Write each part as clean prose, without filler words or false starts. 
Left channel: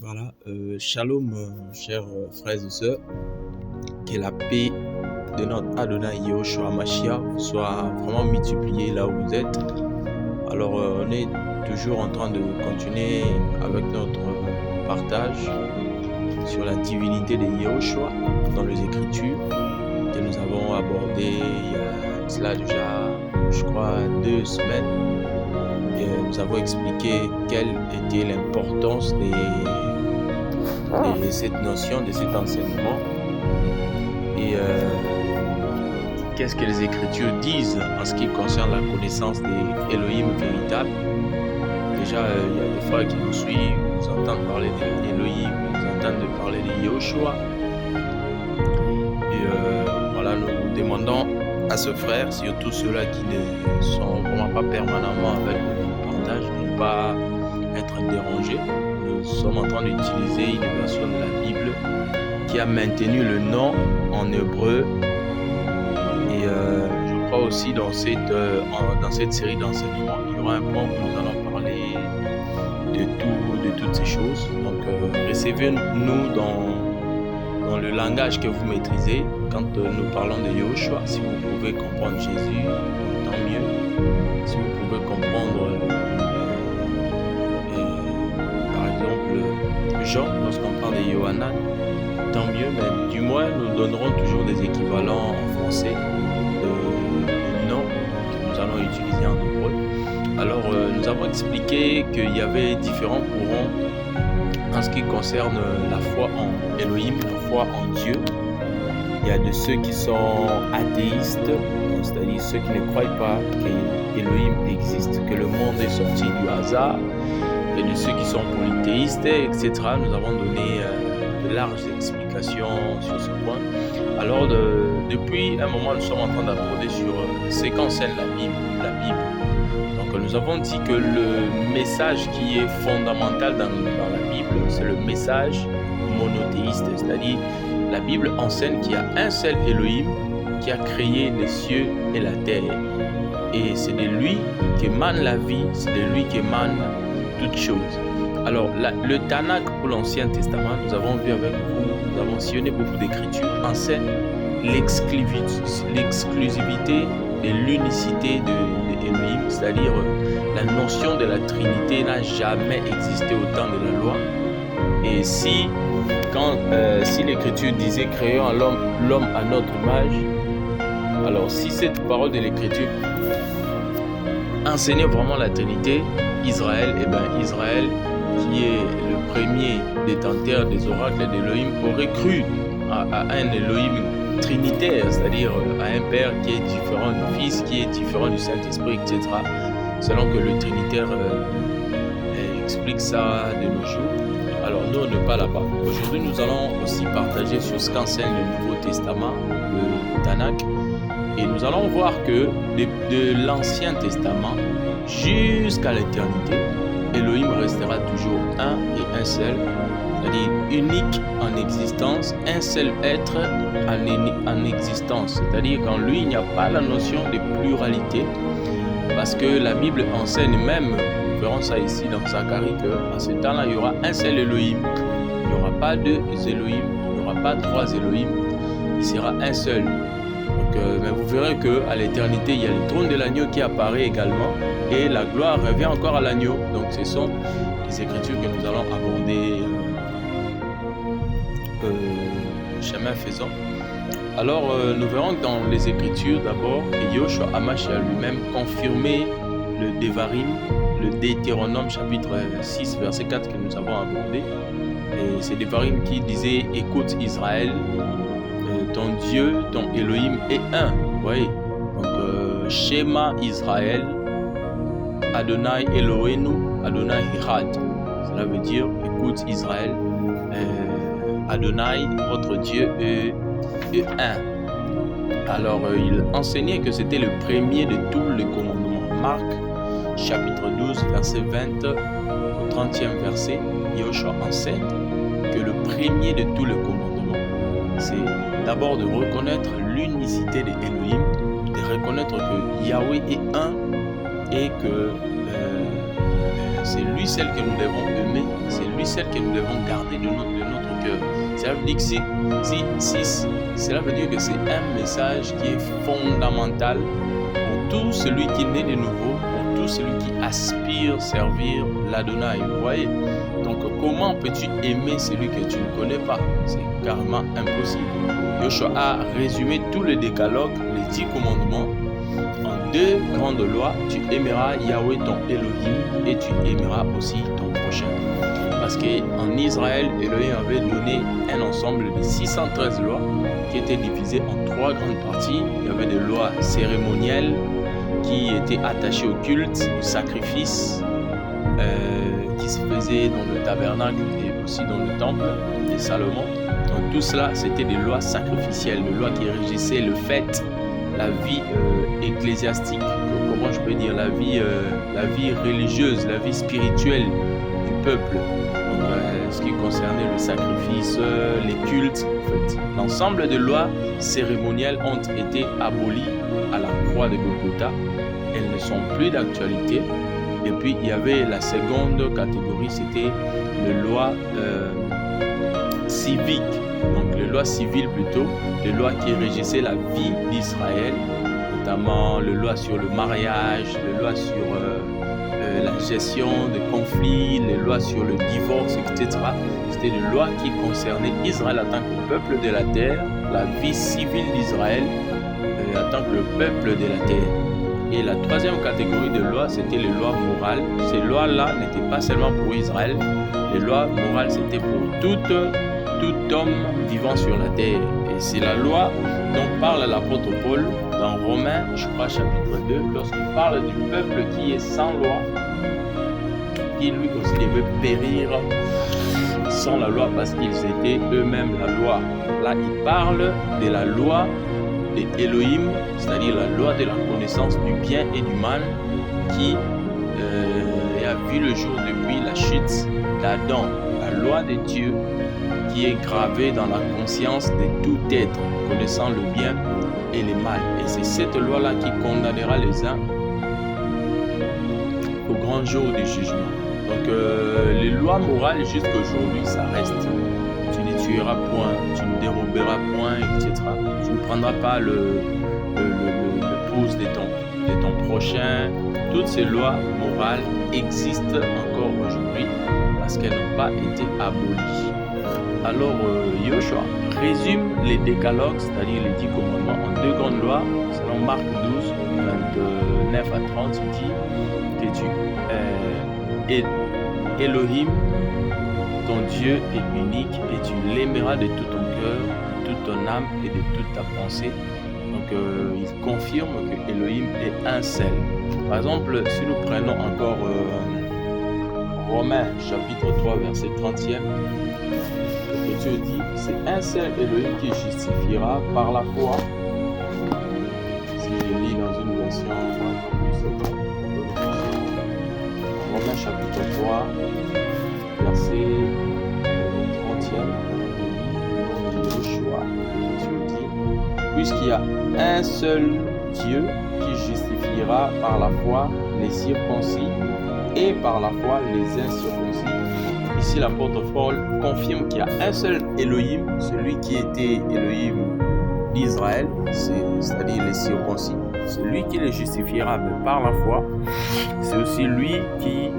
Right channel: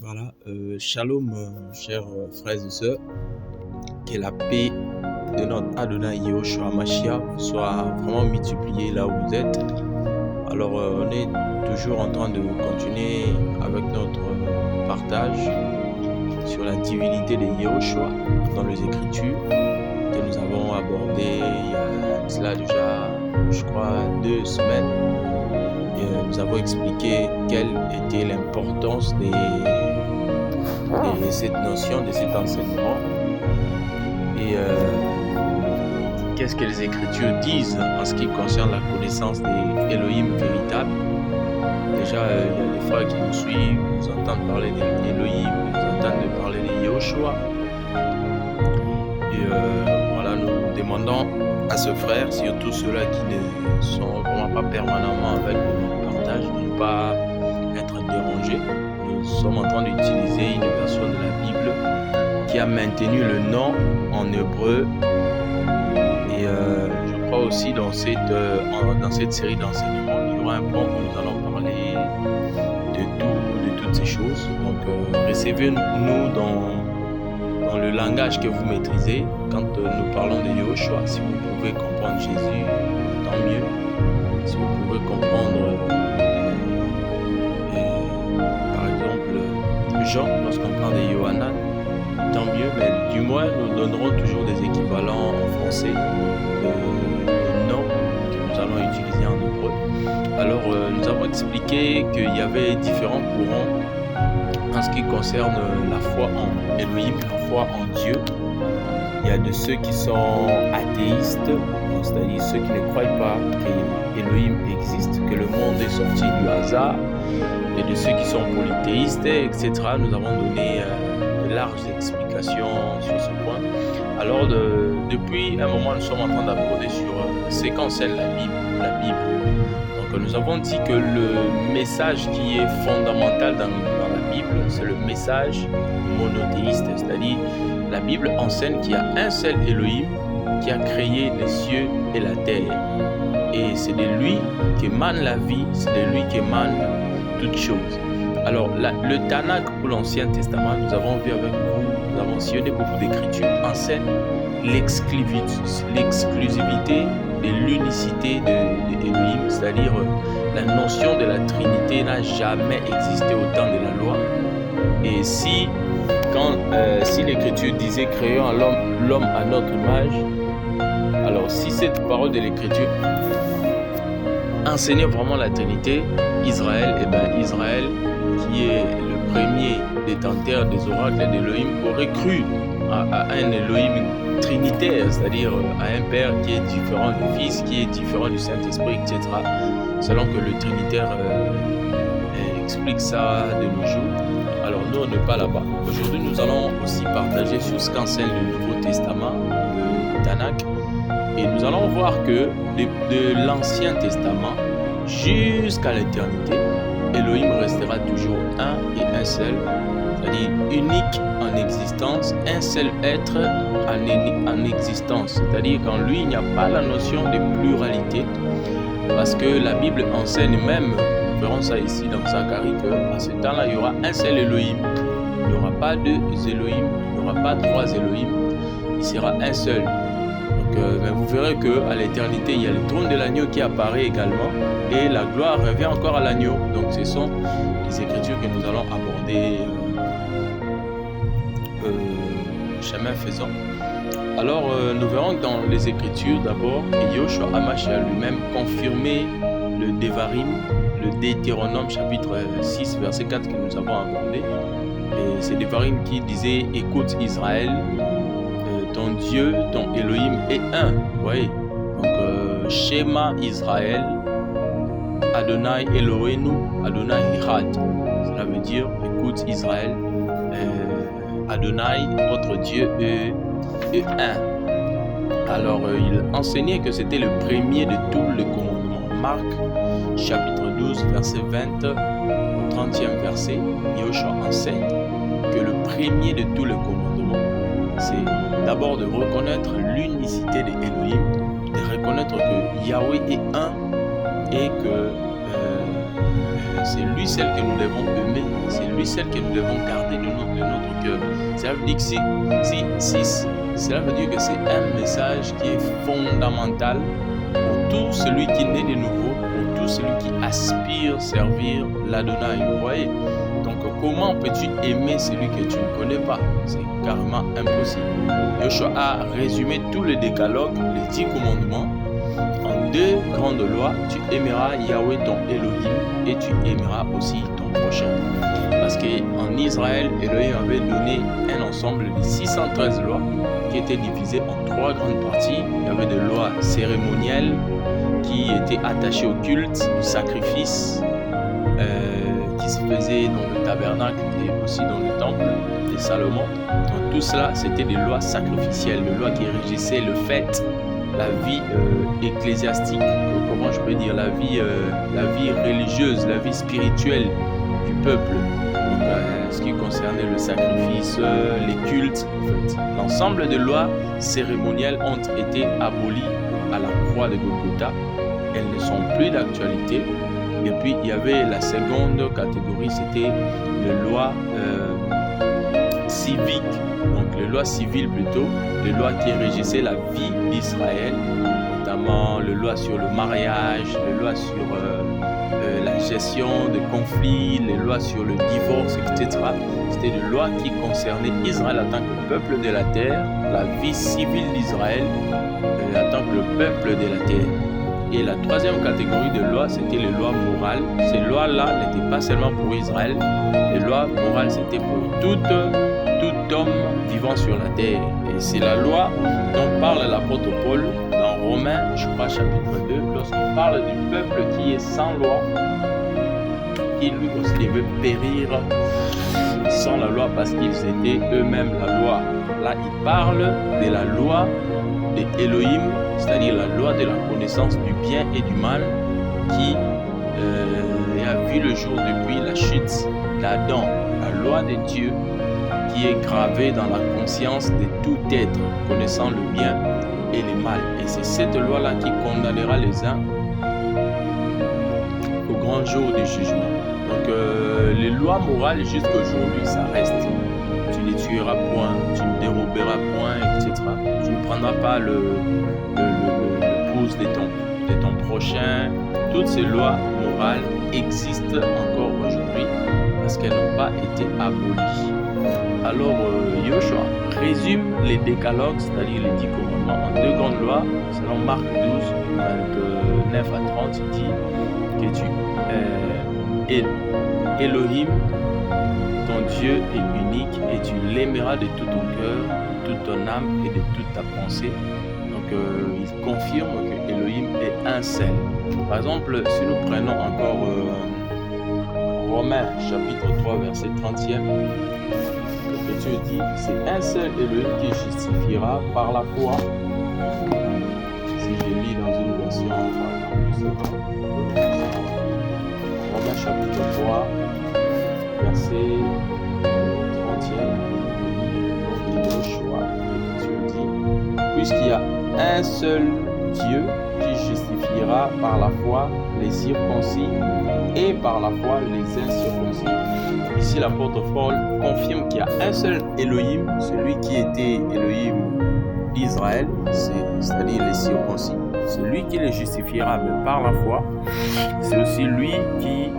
Voilà, shalom, chers frères et sœurs, que la paix de notre Adonai Yahushua Mashiach soit vraiment multipliée là où vous êtes. Alors, on est toujours en train de continuer avec notre partage sur la divinité de Yahushua dans les Écritures que nous avons abordé il y a cela déjà, je crois, 2 semaines. Et nous avons expliqué quelle était l'importance de cette notion, de cet enseignement. Et qu'est-ce que les Écritures disent en ce qui concerne la connaissance des Elohim véritables. Déjà, il y a des frères qui nous suivent, ils entendent parler d'Elohim, ils entendent parler de Yahushua. Et voilà, nous demandons à ce frère, surtout ceux-là qui ne sont vraiment pas permanemment avec le partage, de ne pas être dérangés. Nous sommes en train d'utiliser une version de la Bible qui a maintenu le nom en hébreu. Et je crois aussi dans cette série d'enseignements, il y aura un point où nous allons parler de toutes ces choses. Donc recevez-nous dans le langage que vous maîtrisez. Quand nous parlons de Yahushua, si vous pouvez comprendre Jésus, tant mieux. Si vous pouvez comprendre, par exemple, Jean, lorsqu'on parle de Yohanan, tant mieux, mais du moins, nous donnerons toujours des équivalents en français de noms que nous allons utiliser en hébreu. Alors, nous avons expliqué qu'il y avait différents courants en ce qui concerne la foi en Elohim, la foi en Dieu. Il y a de ceux qui sont athéistes, c'est-à-dire ceux qui ne croient pas que Elohim existe, que le monde est sorti du hasard, et de ceux qui sont polythéistes, etc. Nous avons donné de larges explications sur ce point. Alors, depuis un moment, nous sommes en train d'aborder sur ce qu'enseigne la Bible. Donc, nous avons dit que le message qui est fondamental dans la Bible, c'est le message monothéiste, c'est-à-dire la Bible enseigne qu'il y a un seul Elohim qui a créé les cieux et la terre. Et c'est de lui qu'émane la vie, c'est de lui qu'émane toutes choses. Alors, le Tanakh pour l'Ancien Testament, nous avons vu avec vous, nous avons sillonné beaucoup d'écritures, enseigne l'exclusivité de l'unicité de Elohim, c'est-à-dire la notion de la Trinité n'a jamais existé au temps de la loi. Et si l'Écriture disait créons l'homme à notre image, alors si cette parole de l'Écriture enseignait vraiment la Trinité, Israël, Israël, qui est le premier détenteur des oracles d'Elohim, aurait cru à un Elohim trinitaire, c'est-à-dire à un Père qui est différent du Fils, qui est différent du Saint-Esprit, etc. Selon que le Trinitaire explique ça de nos jours. Alors nous, on n'est pas là-bas. Aujourd'hui, nous allons aussi partager sur ce qu'enseigne le Nouveau Testament, le Tanakh. Et nous allons voir que de l'Ancien Testament jusqu'à l'éternité, Elohim restera toujours un et un seul, c'est-à-dire unique en existence, un seul être en existence. C'est-à-dire qu'en lui, il n'y a pas la notion de pluralité, parce que la Bible enseigne même, nous verrons ça ici dans Zacharie, qu'à ce temps-là, il y aura un seul Elohim. Il n'y aura pas deux Elohim, il n'y aura pas trois Elohim, il sera un seul. Donc, mais vous verrez qu'à l'éternité, il y a le trône de l'agneau qui apparaît également, et la gloire revient encore à l'agneau. Donc ce sont les écritures que nous allons aborder chemin faisant. Alors nous verrons dans les écritures d'abord que Yahushua HaMashiach lui-même confirmait le Devarim, le Deutéronome chapitre 6 verset 4 que nous avons abordé. Et c'est Devarim qui disait « Écoute Israël, ton Dieu, ton Elohim est un ». Vous voyez, donc Shema Israël, Adonai Elohenu, Adonai Echad. Cela veut dire, écoute Israël, Adonai, votre Dieu, est un. Alors, il enseignait que c'était le premier de tous les commandements. Marc, chapitre 12, verset 20 au 30e verset, Yahushua enseigne que le premier de tous les commandements, c'est d'abord de reconnaître l'unicité de Elohim, de reconnaître que Yahweh est un, et que c'est lui celle que nous devons aimer, c'est lui celle que nous devons garder de notre cœur. Cela veut dire que cela veut dire que c'est un message qui est fondamental pour tout celui qui naît de nouveau, pour tout celui qui aspire servir l'Adonai. Vous voyez? Donc, comment peux-tu aimer celui que tu ne connais pas? C'est carrément impossible. Yoshua a résumé tout le décalogue, les 10 commandements, en 2 grandes lois. Tu aimeras Yahweh ton Elohim et tu aimeras aussi ton prochain. Parce qu'en Israël, Elohim avait donné un ensemble de 613 lois qui étaient divisées en 3 grandes parties. Il y avait des lois cérémonielles qui étaient attachées au culte, au sacrifice, qui se faisait dans le tabernacle et aussi dans le temple de Salomon. Donc tout cela, c'était des lois sacrificielles, des lois qui régissaient le fait, la vie ecclésiastique, comment je peux dire, la vie religieuse, la vie spirituelle du peuple. Donc ce qui concernait le sacrifice, les cultes, en fait. L'ensemble des lois cérémonielles ont été abolies à la croix de Golgotha. Elles ne sont plus d'actualité. Et puis, il y avait la seconde catégorie, c'était les lois civiques. Donc, les lois civiles plutôt, les lois qui régissaient la vie d'Israël, notamment les lois sur le mariage, les lois sur la gestion des conflits, les lois sur le divorce, etc. C'était des lois qui concernaient Israël en tant que peuple de la terre, la vie civile d'Israël en tant que le peuple de la terre. Et la troisième catégorie de lois, c'était les lois morales. Ces lois-là n'étaient pas seulement pour Israël. Les lois morales, c'était pour tout homme vivant sur la terre. Et c'est la loi dont parle l'apôtre Paul dans Romains, je crois, chapitre 2, lorsqu'il parle du peuple qui est sans loi, qui lui aussi devait périr sans la loi parce qu'ils étaient eux-mêmes la loi. Là, il parle de la loi de Elohim, c'est-à-dire la loi de la connaissance du bien et du mal qui a vu le jour depuis la chute d'Adam. La loi de Dieu qui est gravée dans la conscience de tout être connaissant le bien et le mal. Et c'est cette loi-là qui condamnera les uns au grand jour du jugement. Donc les lois morales jusqu'à aujourd'hui, ça reste. Tu ne tueras point, tu ne déroberas point, etc. Tu ne prendras pas le pouce de ton prochain. Toutes ces lois morales existent encore aujourd'hui parce qu'elles n'ont pas été abolies. Alors, Yoshua résume les décalogues, c'est-à-dire les 10 commandements, en 2 grandes lois. Selon Marc 12, 29 à 30, il dit que tu es Elohim, ton Dieu est unique et tu l'aimeras de tout ton cœur, de toute ton âme et de toute ta pensée. Donc il confirme que Elohim est un seul. Par exemple, si nous prenons encore Romains chapitre 3 verset 30e, l'Écriture dit c'est un seul Elohim qui justifiera par la foi. Si je lis dans une version Romains chapitre 3 verset 30e, le nom de Yoshua, l'Écriture dit puisqu'il y a un seul Dieu qui justifiera par la foi les circoncis et par la foi les incirconcis. Ici, l'apôtre Paul confirme qu'il y a un seul Elohim, celui qui était Elohim d'Israël, c'est-à-dire les circoncis. C'est lui qui les justifiera, mais par la foi. C'est aussi lui qui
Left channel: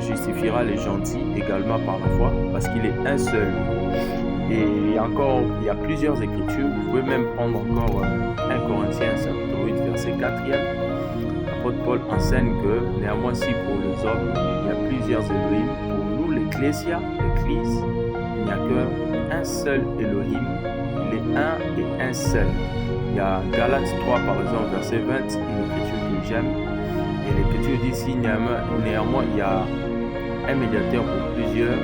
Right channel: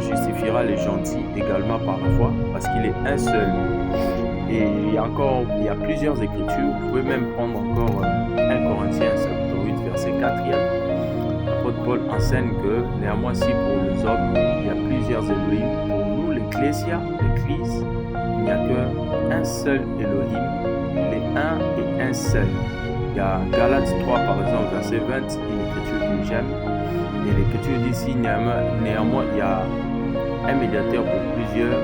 justifiera les gentils également par la foi, parce qu'il est un seul. Et encore, il y a plusieurs écritures. Vous pouvez même prendre encore 1 Corinthiens chapitre 8 verset 4e. L'apôtre Paul enseigne que néanmoins si pour les hommes il y a plusieurs Elohim, pour nous l'Ecclésia, l'Église, il n'y a qu'un seul Elohim, il est un et un seul. Il y a Galates 3 par exemple verset 20, une écriture que j'aime. Et l'écriture dit ici néanmoins il y a un médiateur pour plusieurs.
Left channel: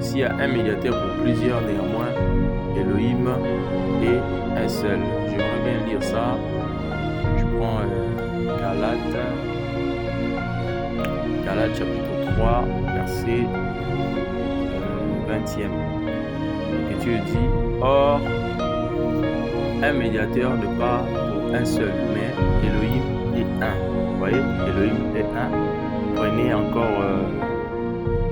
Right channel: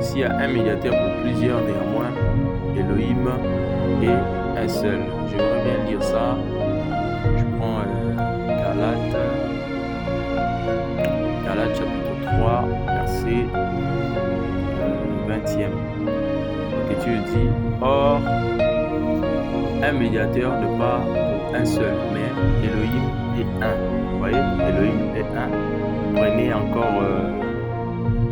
S'il y a un médiateur pour plusieurs, néanmoins, Elohim est un seul. J'aimerais bien lire ça. Je prends Galates chapitre 3, verset 20e. L'Écriture dit, or, un médiateur ne pas pour un seul, mais Elohim est un. Vous voyez, Elohim est un. Prenez encore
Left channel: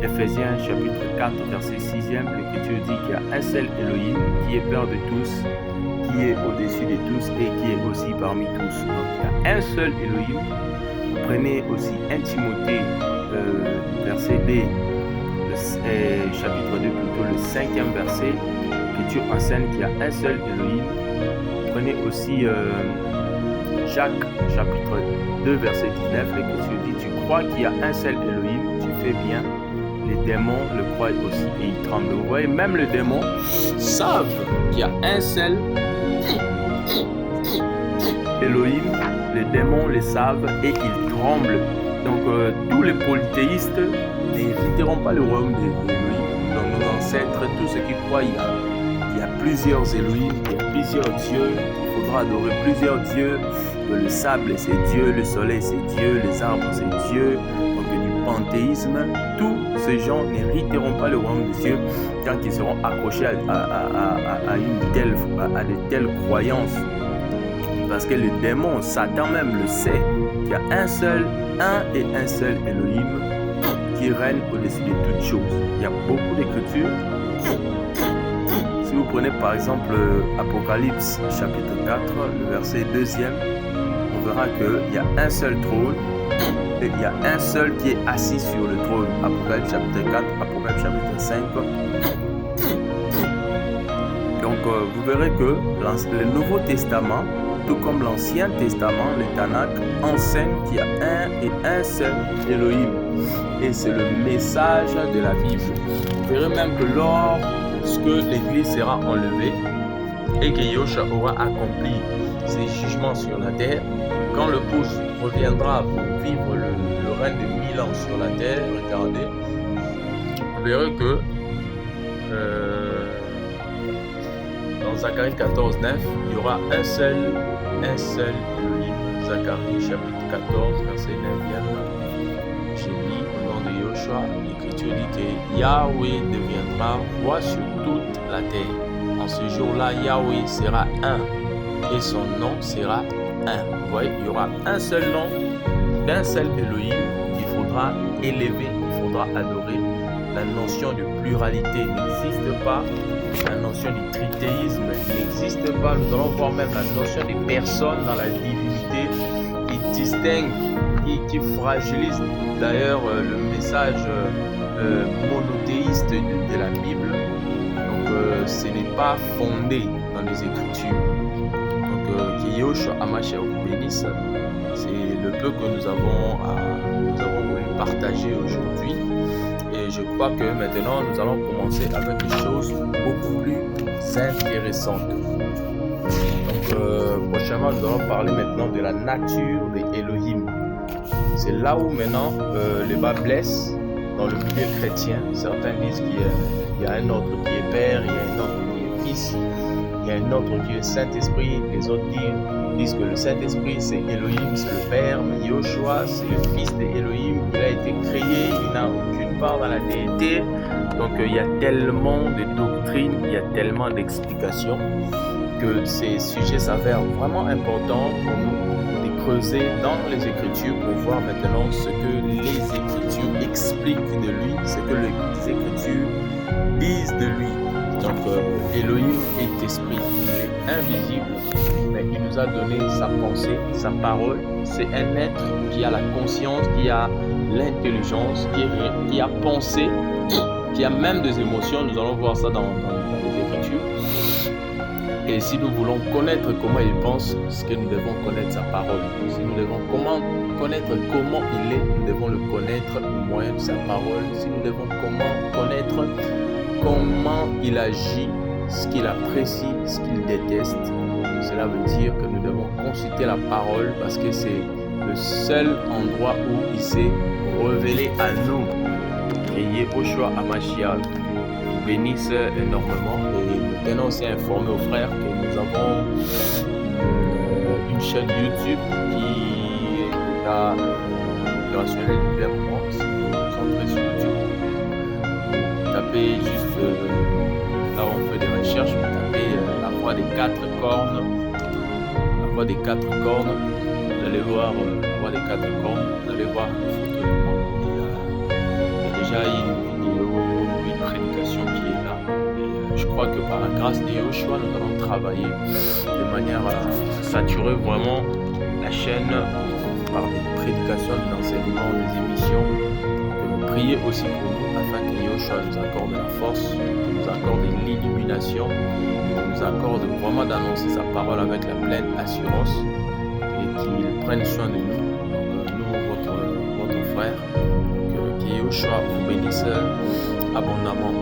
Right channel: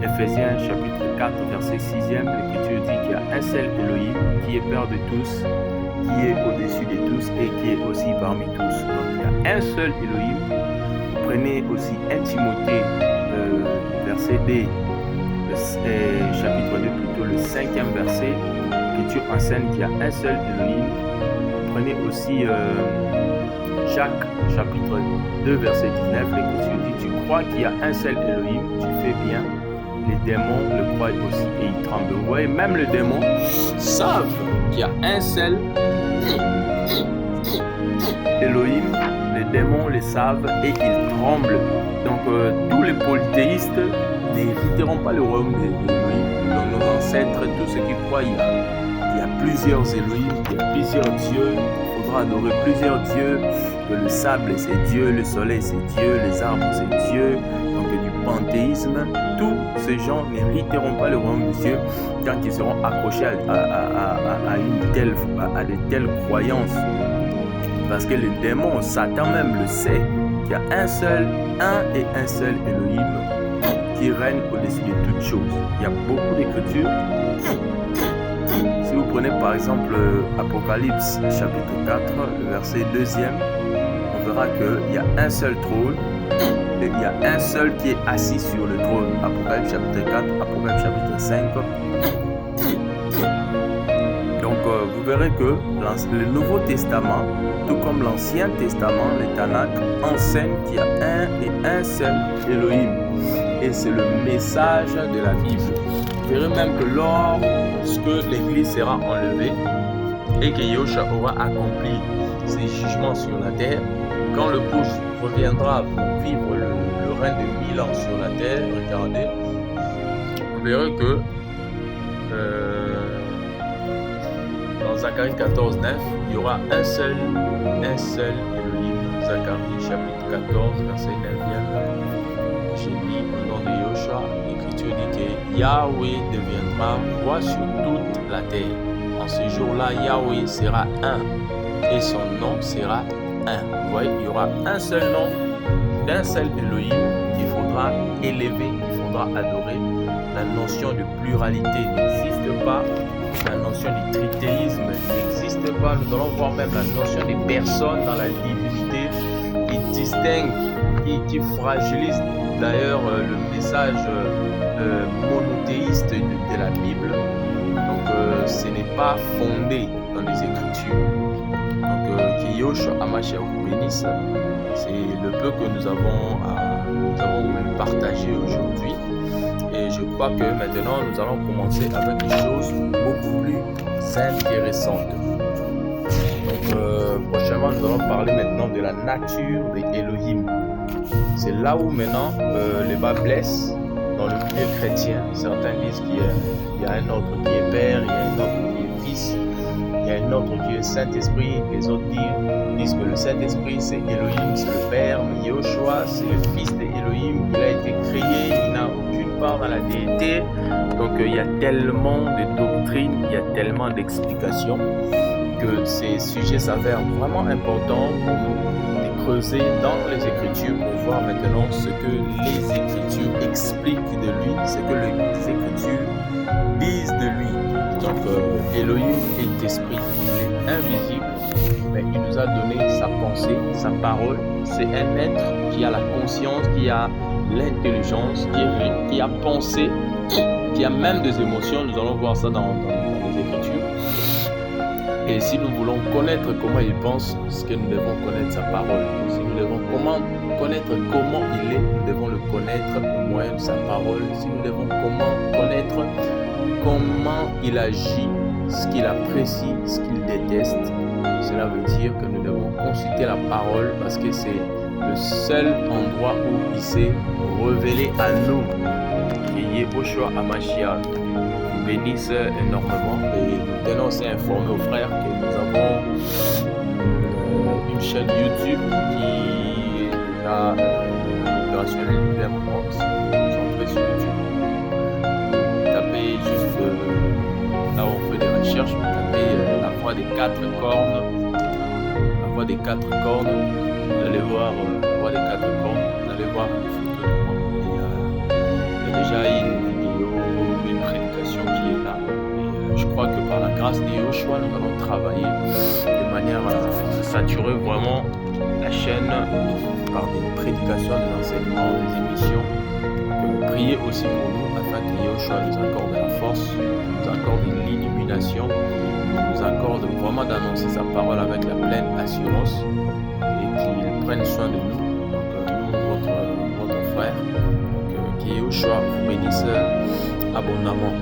Ephésiens chapitre 4, verset 6e. L'Écriture dit qu'il y a un seul Elohim qui est Père de tous, qui est au-dessus de tous et qui est aussi parmi tous. Donc il y a un seul Elohim. Vous prenez aussi 1 Timothée, verset D, chapitre 2 plutôt, le 5e verset. L'Écriture enseigne qu'il y a un seul Elohim. Vous prenez aussi Jacques chapitre 2 verset 19. L'Écriture dit: tu crois qu'il y a un seul Elohim, tu fais bien. Les démons le croient aussi et ils tremblent. Vous voyez, même les démons savent qu'il y a un seul Elohim. Les démons le savent et ils tremblent. Donc tous les polythéistes n'hériteront pas le royaume d'Elohim. Donc nos ancêtres, tous ceux qui croient il y a plusieurs Elohim, il y a plusieurs dieux, il faudra adorer plusieurs dieux, que le sable c'est Dieu, le soleil c'est Dieu, les arbres c'est Dieu, donc du panthéisme. Tous ces gens n'hériteront pas le royaume de Dieu tant qu'ils seront accrochés à de telles croyances. Parce que le démon, Satan même le sait, qu'il y a un et un seul Elohim qui règne au-dessus de toutes choses. Il y a beaucoup d'écritures. Si vous prenez par exemple Apocalypse chapitre 4, le verset 2e, on verra qu'il y a un seul trône et il y a un seul qui est assis sur le trône. Apocalypse chapitre 4, Apocalypse chapitre 5. Donc vous verrez que le Nouveau Testament, tout comme l'Ancien Testament, le Tanakh, enseigne qu'il y a un et un seul Elohim. Et c'est le message de la Bible. Vous verrez même que lorsque l'Église sera enlevée et que Yahushua aura accompli ses jugements sur la terre, quand le pouce reviendra pour vivre le règne de 1000 ans sur la terre, regardez, vous verrez que dans Zacharie 14, 9, il y aura un seul Elohim. Zacharie chapitre 14, verset 9e. J'ai lu au nom de Yahushua, l'Écriture dit que Yahweh deviendra roi sur toute la terre. En ce jour-là, Yahweh sera un et son nom sera un. Vous voyez, il y aura un seul nom d'un seul Elohim qu'il faudra élever, qu'il faudra adorer. La notion de pluralité n'existe pas. La notion du tritéisme n'existe pas. Nous allons voir même la notion des personnes dans la divinité qui distingue, qui fragilise d'ailleurs le message monothéiste de la Bible. Donc ce n'est pas fondé dans les Écritures. Donc que Yahushua Hamashiach vous bénisse. C'est le peu que nous avons voulu partager aujourd'hui. Et je crois que maintenant, nous allons commencer avec des choses beaucoup plus intéressantes. Donc, prochainement, nous allons parler maintenant de la nature des Elohim. C'est là où maintenant les bas blessent dans le milieu chrétien. Certains disent qu'il y a un autre qui est Père, il y a un autre qui est Fils, il y a un autre qui est Saint-Esprit. Les autres disent que le Saint-Esprit c'est Elohim, c'est le Père, mais Yahushua c'est le Fils d'Elohim. Il a été créé, il n'a aucune part dans la déité. Donc il y a tellement de doctrines, il y a tellement d'explications que ces sujets s'avèrent vraiment importants pour nous de creuser dans les Écritures pour voir maintenant ce que les Écritures expliquent de lui, ce que les Écritures disent de lui. Donc Elohim est esprit, il est invisible, mais il nous a donné sa pensée, sa parole. C'est un être qui a la conscience, qui a l'intelligence, qui a pensé, qui a même des émotions. Nous allons voir ça dans les Écritures. Et si nous voulons connaître comment il pense, ce que nous devons connaître sa parole. Si nous devons connaître comment il est, nous devons le connaître au moyen de sa parole. Si nous devons connaître comment il agit, ce qu'il apprécie, ce qu'il déteste, cela veut dire que nous devons consulter la parole parce que c'est le seul endroit où il s'est révélé à nous. Et Yahushua Hamashiach vous bénisse énormément. Et nous tenons aussi à informer aux frères que nous avons une chaîne YouTube qui est déjà opérationnelle depuis un moment. Si vous entrez sur YouTube, vous tapez juste là où on fait des recherches, vous tapez la voix des quatre cornes, la voix des quatre cornes, vous allez voir la voix des quatre cornes, vous allez voir une photo de moi. Il y a déjà une vidéo, une prédication qui est là. Et je crois que par la grâce de Yoshua, nous allons travailler de manière à saturer vraiment la chaîne par des prédications, des enseignements, des émissions. Priez aussi pour nous afin que Yoshua nous accorde la force, nous accorde l'illumination, nous accorde vraiment d'annoncer sa parole avec la pleine assurance et qu'il prenne soin de nous. Donc nous, votre frère, que Yoshua vous bénisse abondamment.